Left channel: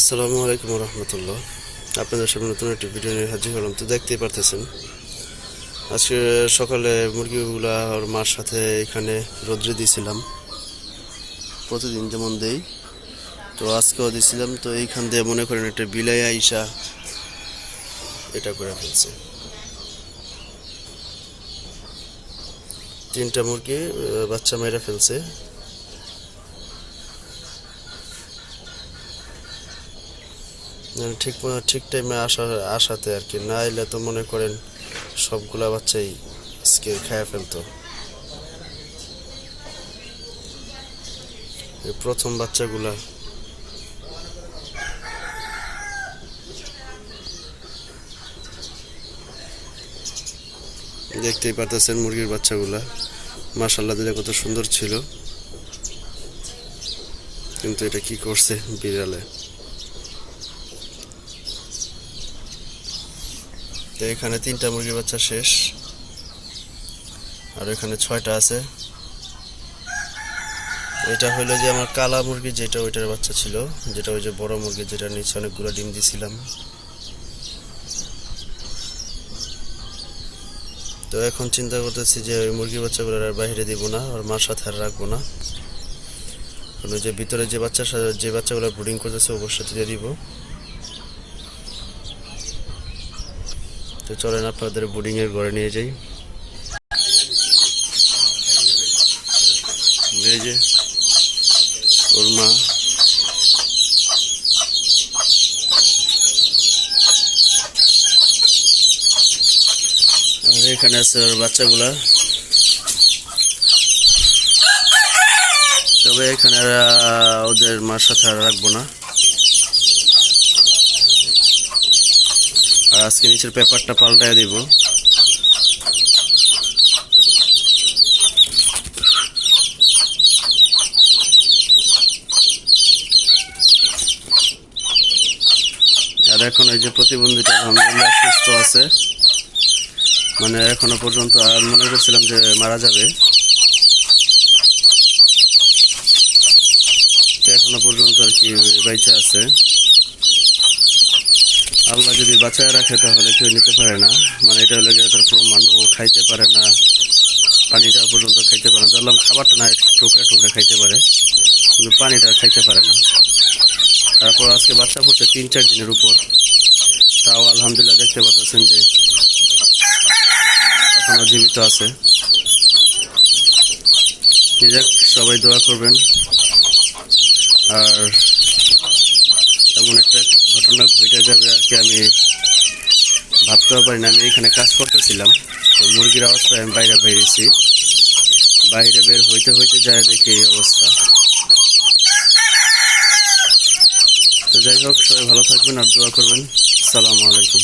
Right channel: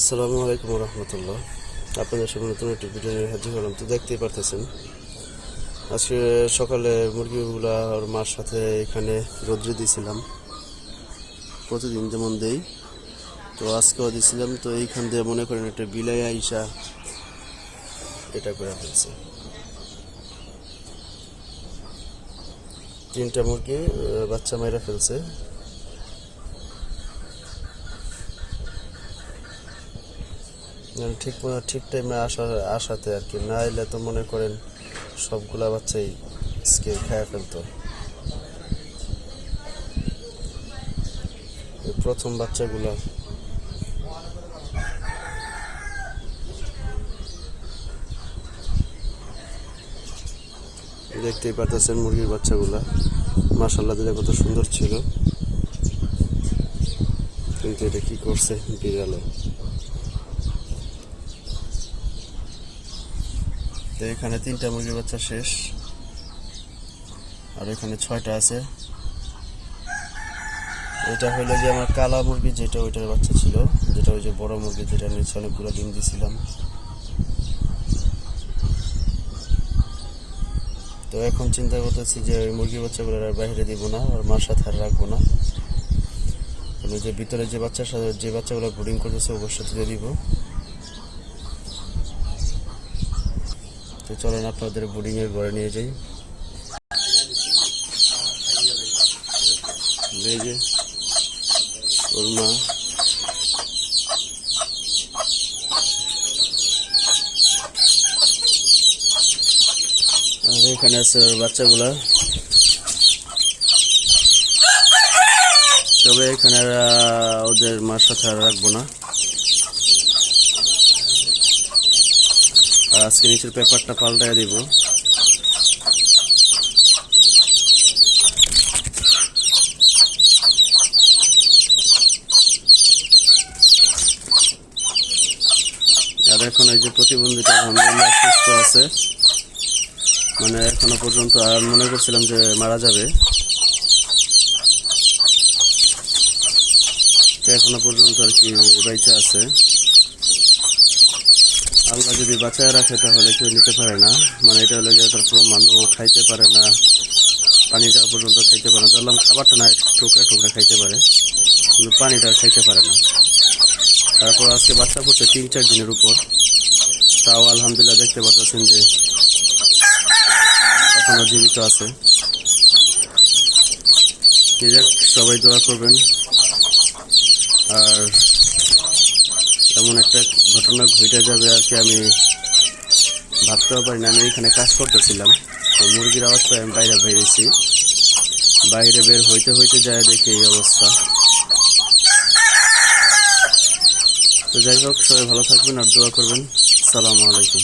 আসসালামু আলাইকুম রহমতুল্লাহ। আপনাদের সামনে নতুন একটি ভিডিও নিয়ে হাজির হলাম। তো দেখতেই পারতেছেন আজকে সকালে মুরগিগুলা আর মার সাথে এখানে রোদ্রে দিয়েছিলাম, প্রতিদিন যেমন দেই। তো আজকেও দিয়েছিলাম। তো এইখান দিয়ে মনে করেন একটা বিলাই আইসা এটা করে ফেলছে। তিনটা মুরগি বাচ্চা মেয়েরা ফেলছে। ঠিক ঠিক টাইমে আসাতে আর কি, না এলে তো মনে করেন সবগুলা বাচ্চাই আজকে খেয়ে ফেলতো। এই প্রথম বাচ্চাগুলা দেখতেই পারতেছেন, মুরগির বাচ্চাগুলা মাশাআল্লাহ দিলে কত সুন্দর ছিল, কিন্তু এটা কি করছে বিড়ালে। তো এখানে তিনটা মুরগির বাচ্চা শেষ, আর এখানে 6টা আছে। এটা হইলো যে আমার কালা মুরগি, যেটা ওইটার বাচ্চা ছিল, যেটা ওই যে বড় মুরগি, যেটা নিচে অনেকগুলো ডিম দিছিলাম। তো এখন চিন্তা করতেছি যে ওই মুরগির বাচ্চাগুলো আর বাইরে দিব না, আর মার সাথে আর রাখবো না। কারণ ওই যে ভিতরে যে বাচ্চাগুলো ব্রিডিং করতেছে ওর সাথে দিয়ে দিব। তো চলেন আপনাদের ব্রিডিং এর ঘরে নিয়ে যাই। এই যে ওর মা, আর এখানে আছে ওর বাচ্চাগুলা। তবে এখানে ওদের মার সাথে আর রাখবো না। আর আজকে নিচের পেপারটা পাল্টায় দিব। আর এখন এই যে প্রতিবন্ধীটা আলহামদুলিল্লাহ সুস্থ আছে, মানে এখনো পর্যন্ত আর মনে করছিলাম যে মারা যাবে, এখনো পর্যন্ত আর কি বাইচা আছে। আল্লাহ যদি বাঁচায় রাখে তাহলে কেউ নিতে পারে না, মানে এটা হলে তার প্রমাণ। ও খাইতে পারে না, পানিটা পর্যন্ত খাইতে পারে না। ধরলাম খাবারটা না টুকরা টুকরা খাইতে পারে, কিন্তু পানিটা খাইতে পারে না। তারপর আজকে বাচ্চা পড়ছে 3-4 দিনের উপর, তাও আলহামদুলিল্লাহ দেখতে পাচ্ছেন যে এখনো জীবিত আছে। যাক, সবাই দোয়া করবেন। আর এমন একটা ঘটনা ঘটে যাবে আর কি, আমি ভাবতেও পারি না। আমি এখানে কাজ করতেছিলাম, তো মুরগির আওয়াজ পাই আমি বাইরে বেরিয়েছি। বাইরে বের হইতে হইতে যায় দেখি এই অবস্থা। তো যাই হোক, সবাই ভালো থাকবেন আর দোয়া করবেন। আসসালামু আলাইকুম।